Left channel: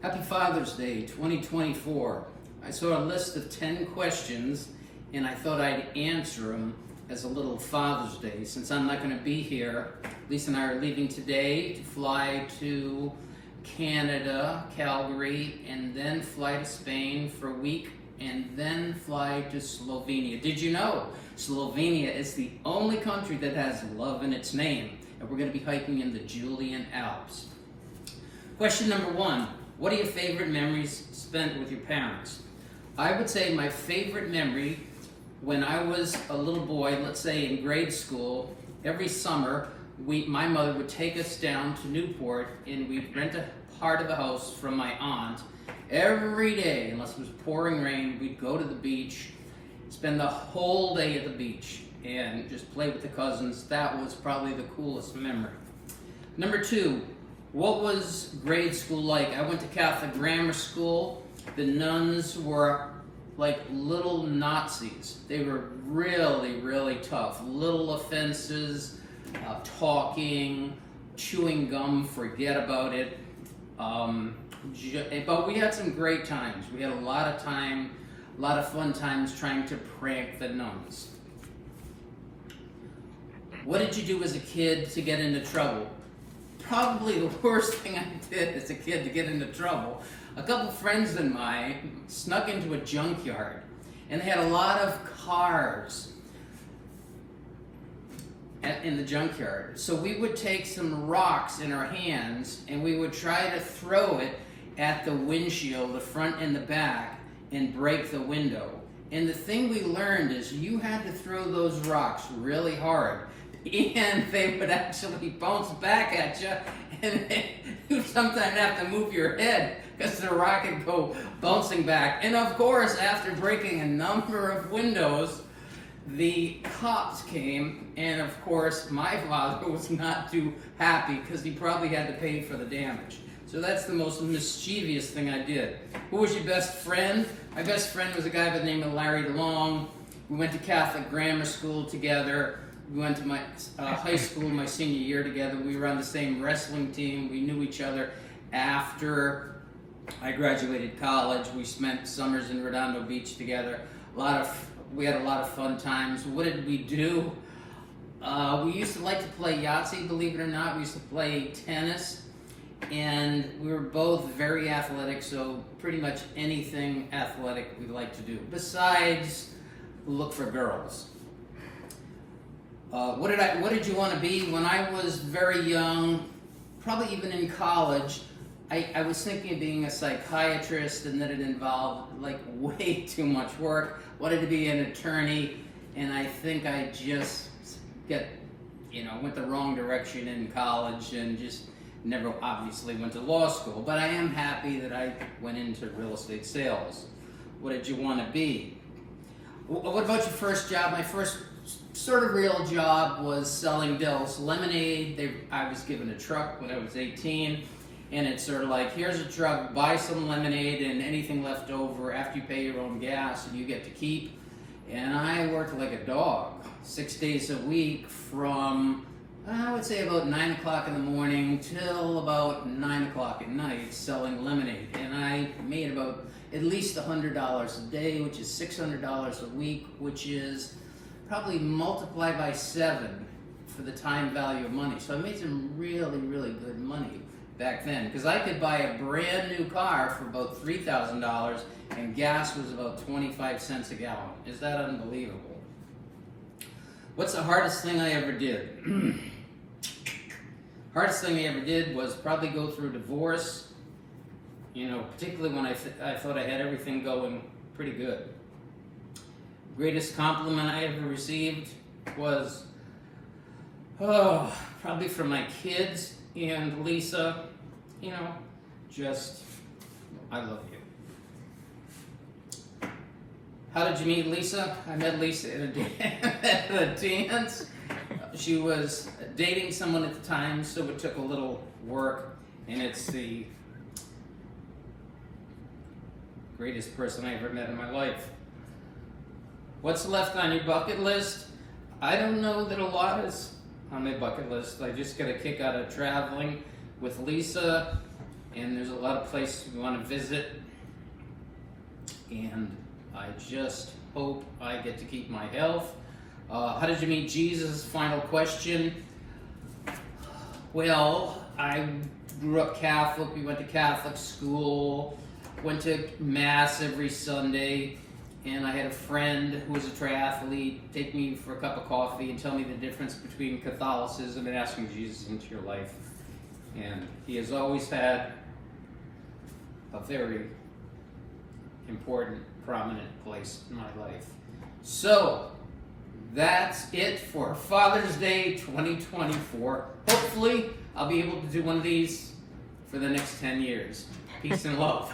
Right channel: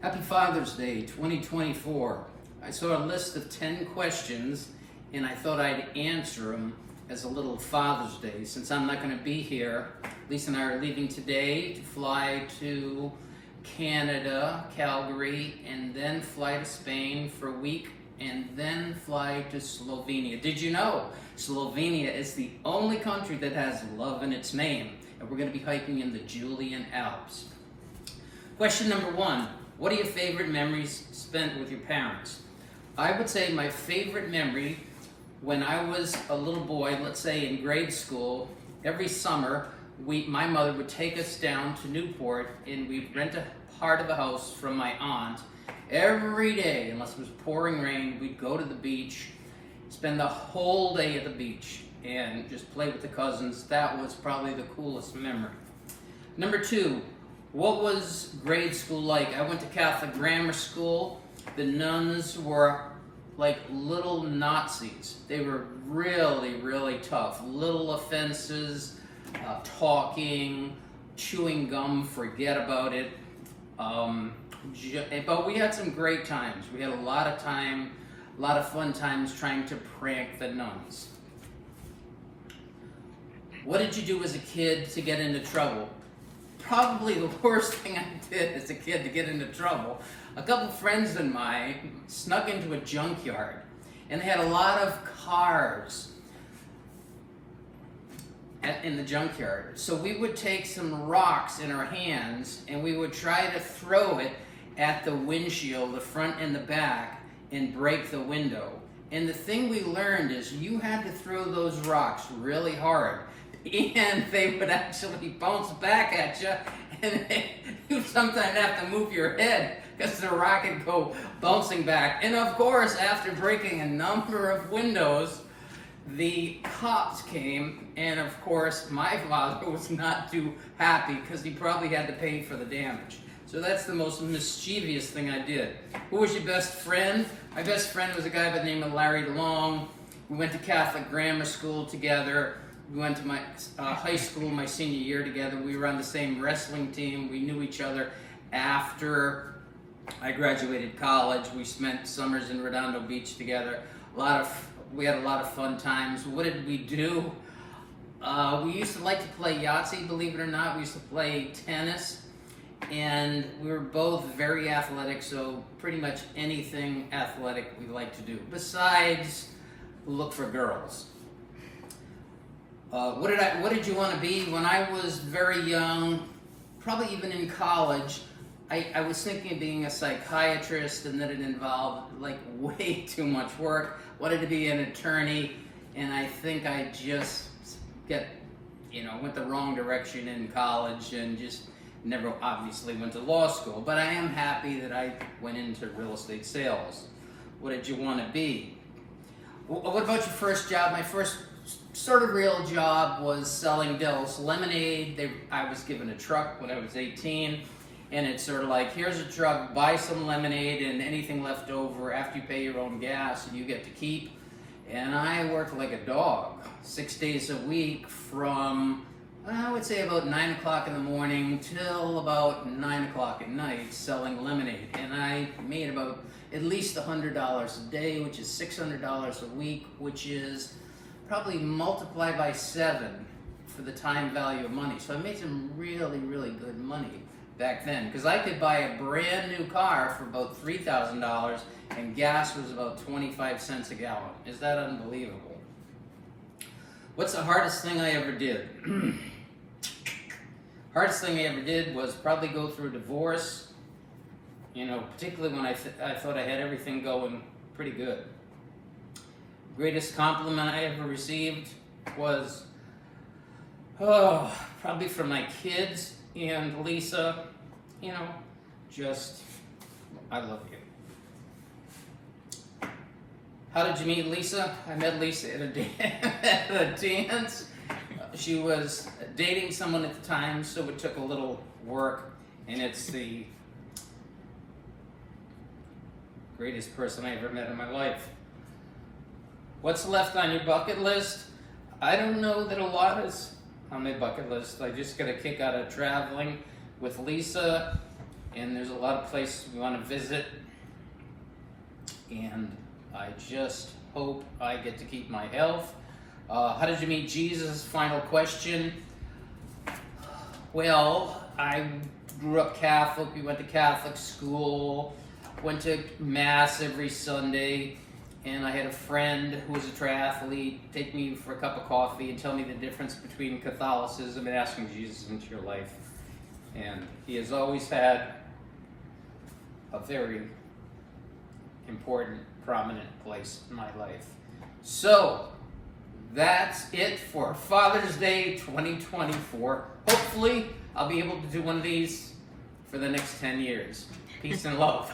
Happy Father's Day 2024. I saw a list of 10 questions and I thought I'd answer them as a little Father's Day. Since I'm not going to be here, Lisa and I are leaving today to fly to Canada, Calgary, and then fly to Spain for a week and then fly to Slovenia. Did you know Slovenia is the only country that has love in its name? And we're going to be hiking in the Julian Alps. Question number one. What are your favorite memories spent with your parents? I would say my favorite memory when I was a little boy, let's say in grade school, every summer, my mother would take us down to Newport and we'd rent a part of a house from my aunt. Every day, unless it was pouring rain, we'd go to the beach, spend the whole day at the beach and just play with the cousins. That was probably the coolest memory. Number two, what was grade school like? I went to Catholic grammar school. The nuns were like little Nazis. They were really, really tough. Little offenses, talking, chewing gum, forget about it. But we had some great times. We had a lot of fun times trying to prank the nuns. What did you do as a kid to get into trouble? Probably the worst thing I did as a kid to get into trouble. A couple friends of mine snuck into a junkyard and they had a lot of cars in the junkyard. So we would take some rocks in our hands and we would try to throw it at the windshield, the front and the back, and break the window. And the thing we learned is you had to throw those rocks really hard. And they would actually bounce back at you, and you sometimes have to move your head because the rock would go bouncing back. And of course, after breaking a number of windows, the cops came, and of course, my father was not too happy because he probably had to pay for the damage. So that's the most mischievous thing I did. Who was your best friend? My best friend was a guy by the name of Larry DeLong. We went to Catholic grammar school together. We went to my high school my senior year together. We were on the same wrestling team. We knew each other after I graduated college. We spent summers in Redondo Beach together. We had a lot of fun times. What did we do? We used to like to play Yahtzee, believe it or not. We used to play tennis. And we were both very athletic, so pretty much anything athletic we like to do. Besides, look for girls. What did you want to be? When I was very young, probably even in college, I was thinking of being a psychiatrist, and then it involved like way too much work. Wanted to be an attorney, and I think I just went the wrong direction in college and just never obviously went to law school. But I am happy that I went into real estate sales. What did you want to be? What about your first job? My first sort of real job was selling Del's lemonade. I was given a truck when I was 18, and it's sort of like, here's a truck, buy some lemonade, and anything left over after you pay your own gas, you get to keep. And I worked like a dog, 6 days a week from, I would say about 9 o'clock in the morning till about 9 o'clock at night selling lemonade. And I made about at least $100 a day, which is $600 a week, which is probably multiplied by 7 for the time value of money. So I made some really, really good money back then because I could buy a brand new car for about $3,000 and gas was about 25 cents a gallon. Is that unbelievable? What's the hardest thing I ever did? Hardest thing I ever did was probably go through a divorce, particularly when I thought I had everything going pretty good. Greatest compliment I ever received was, probably from my kids and Lisa, I love you. How did you meet Lisa? I met Lisa at a dance. She was dating someone at the time, so it took a little work, and it's the greatest person I ever met in my life. What's left on your bucket list? I don't know that a lot is on my bucket list. I just got a kick out of traveling with Lisa and there's a lot of places we want to visit, and I just hope I get to keep my health. How did you meet Jesus? Final question. Well, I grew up Catholic. We went to Catholic school, went to Mass every Sunday, and I had a friend who was a triathlete take me for a cup of coffee and tell me the difference between Catholicism and asking Jesus into your life. And he has always had a very important, prominent place in my life. So, that's it for Father's Day 2024. Hopefully, I'll be able to do one of these for the next 10 years. Peace and love.